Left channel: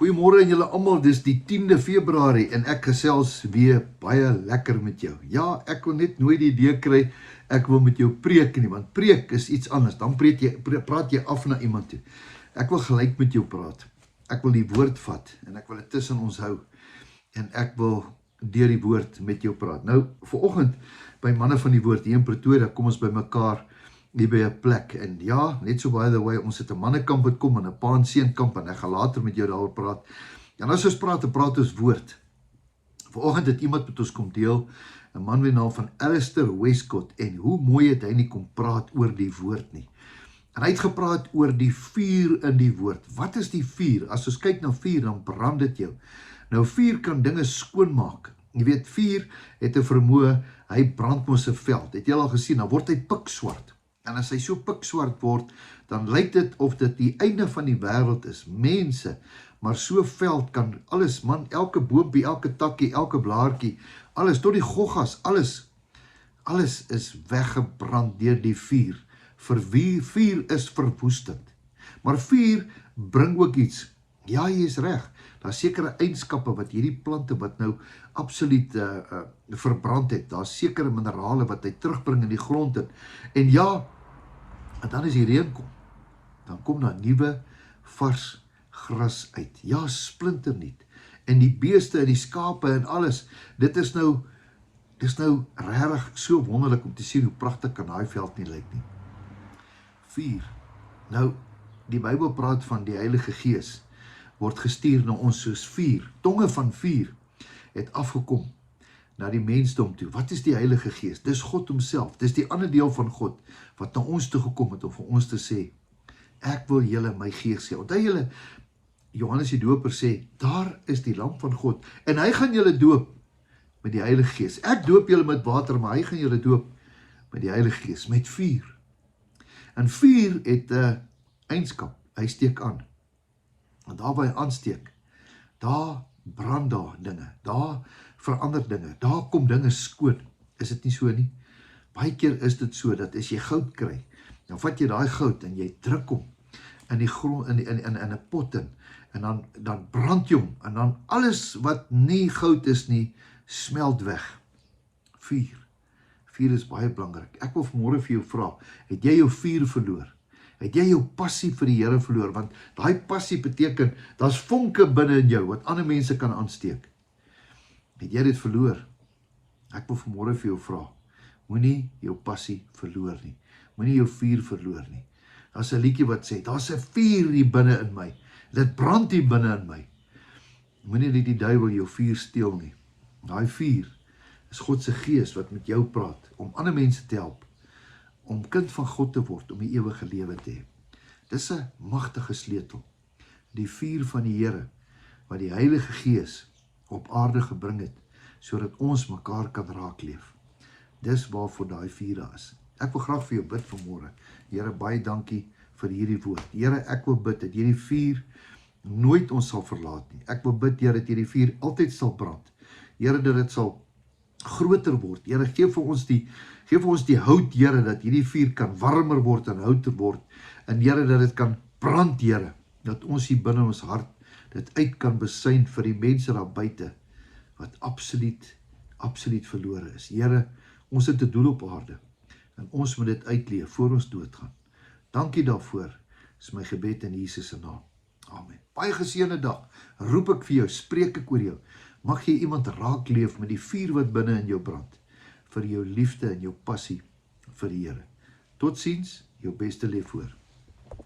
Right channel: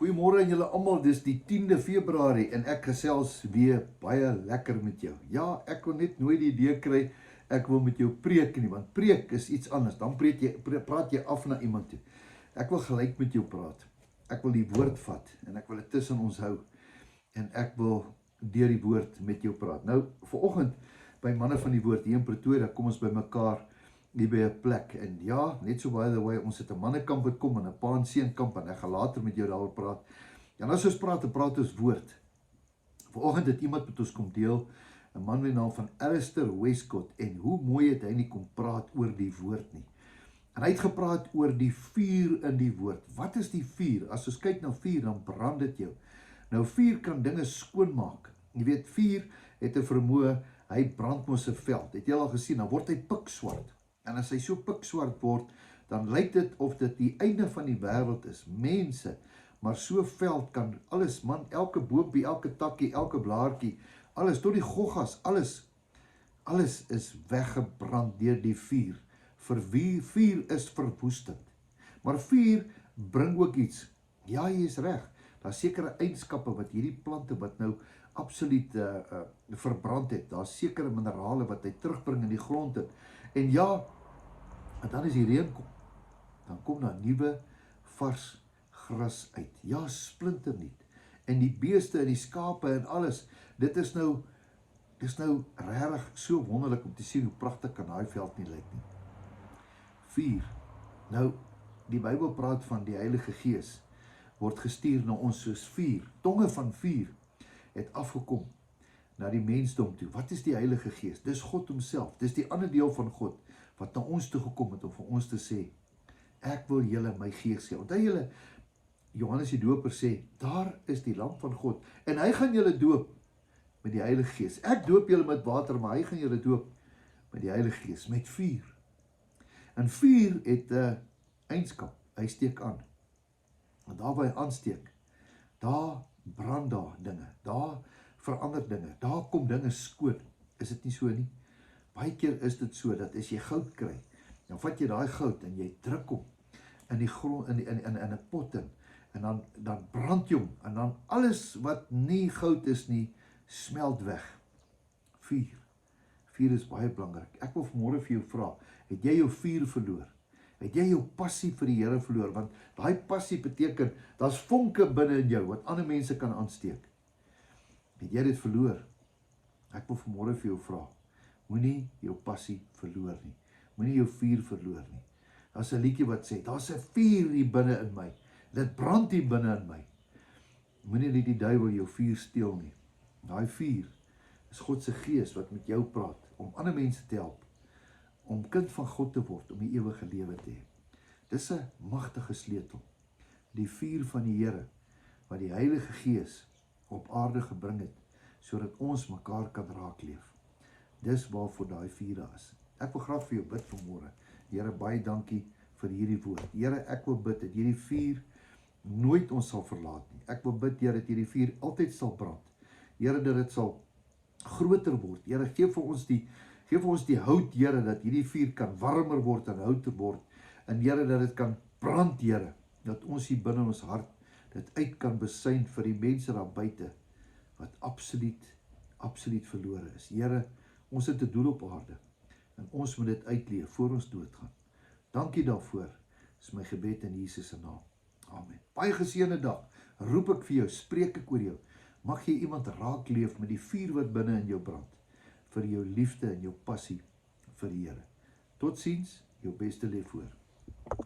Goeiemôre aan julle almal, dis die 10de Februarie en ek gesels weer baie lekker met jou. Ja, ek wil net nooit die idee kry, ek wil met jou preek nie, want preek is iets anders, dan praat jy af na iemand toe. Ek wil gelyk met jou praat, ek wil die woord vat en ek wil dit tussen ons hou en ek wil deur die woord met jou praat. Nou, vanoggend by manne van die woord hier in Pretoria, kom ons by mekaar hier by 'n plek, en ja, net so by the way, ons het 'n mannekamp wat kom en 'n pa en seun kamp, en ek gaan later met jou daaroor praat. En as ons praat ons woord. Vanoggend het iemand met ons kom deel, 'n man met die naam van Alistair Westcott, en hoe mooi het hy nie kom praat oor die woord nie. En hy het gepraat oor die vuur in die woord. Wat is die vuur? As ons kyk na vuur, dan brand dit jou. Nou, vuur kan dinge skoonmaak. Jy weet, vuur het 'n vermoë, hy brand mos 'n veld. Het jy al gesien, dan word hy pikswart. En as hy so pikswart word, dan lyk dit of dit die einde van die wêreld is. Mense, maar so veld kan alles, man, elke boompie, elke takkie, elke blaartjie, alles, tot die goggas, alles is weggebrand deur die vuur. Vuur is verwoestend. Maar vuur bring ook iets. Ja, jy is reg. Daar is sekere eienskappe wat hierdie plante wat nou absoluut verbrand het. Daar is sekere minerale wat hy terugbring in die grond in. En ja, en dan as die reën kom, dan kom daar nuwe vars gras uit. Ja, splinternuut. En die beeste en die skape en alles, dis nou regtig so wonderlik om te sien hoe pragtig kan daai veld nie lyk nie. Vuur. Nou, die Bybel praat van die Heilige Gees word gestuur na ons soos vuur. Tonge van vuur het afgekom na die mensdom toe. Wat is die Heilige Gees? Dis God homself. Dis die ander deel van God wat na ons toe gekom het om vir ons te sê, ek wil julle my Gees gee. Onthou julle, Johannes die Doper sê, daar is die lam van God en hy gaan julle doop met die Heilige Gees. Ek doop julle met water, maar hy gaan julle doop met die Heilige Gees, met vuur. En vuur het 'n eienskap, hy steek aan. En daar waar hy aansteek, daar brand daar dinge, daar verander dinge, daar kom dinge skoon. Is dit nie so nie? Baie keer is dit so, dat as jy goud kry, dan vat jy daai goud en jy druk hom in die grond, in 'n pot in, en dan brand jy hom, en dan alles wat nie goud is nie, smelt weg. Vuur. Vuur is baie belangrik. Ek wil vanmôre vir jou vra, het jy jou vuur verloor? Het jy jou passie vir die Here verloor? Want daai passie beteken, daar's vonke binne in jou, wat ander mense kan aansteek. Het jy dit verloor? Ek wil vanmôre vir jou vra, moenie jou passie verloor nie. Moenie jou vuur verloor nie. Daar's 'n liedjie wat sê, daar's 'n vuur hier binne in my. Dit brand hier binne in my. Moenie dat die duiwel jou vuur steel nie. Daai vuur is God se Gees wat met jou praat, om ander mense te help, om kind van God te word, om die ewige lewe te hê. Dis 'n magtige sleutel. Die vuur van die Here, wat die Heilige Gees op aarde gebring het, sodat ons mekaar kan raakleef. Dis waarvoor daai vuur is. Ek wil graag vir jou bid vanmôre. Here, baie dankie vir hierdie woord. Here, ek wil bid dat hierdie vuur nooit ons sal verlaat nie. Ek wil bid, Here, dat hierdie vuur altyd sal brand. Here, dat dit sal groter word. Here, geef vir ons die hout, Here, dat hierdie vuur kan warmer word en houter word. En Here, dat dit kan brand, Here, dat ons hier binne ons hart dit uit kan besyn vir die mense daar buite, wat absoluut verlore is. Here, ons het 'n doel op aarde, en ons moet dit uitleef voor ons doodgaan. Dankie daarvoor, is my gebed in Jesus se naam. Amen. Baie geseënde dag, roep ek vir jou, spreek ek oor jou. Mag jy iemand raak leef met die vuur wat binne in jou brand, vir jou liefde en jou passie vir die Here. Totsiens, jou beste leef voor.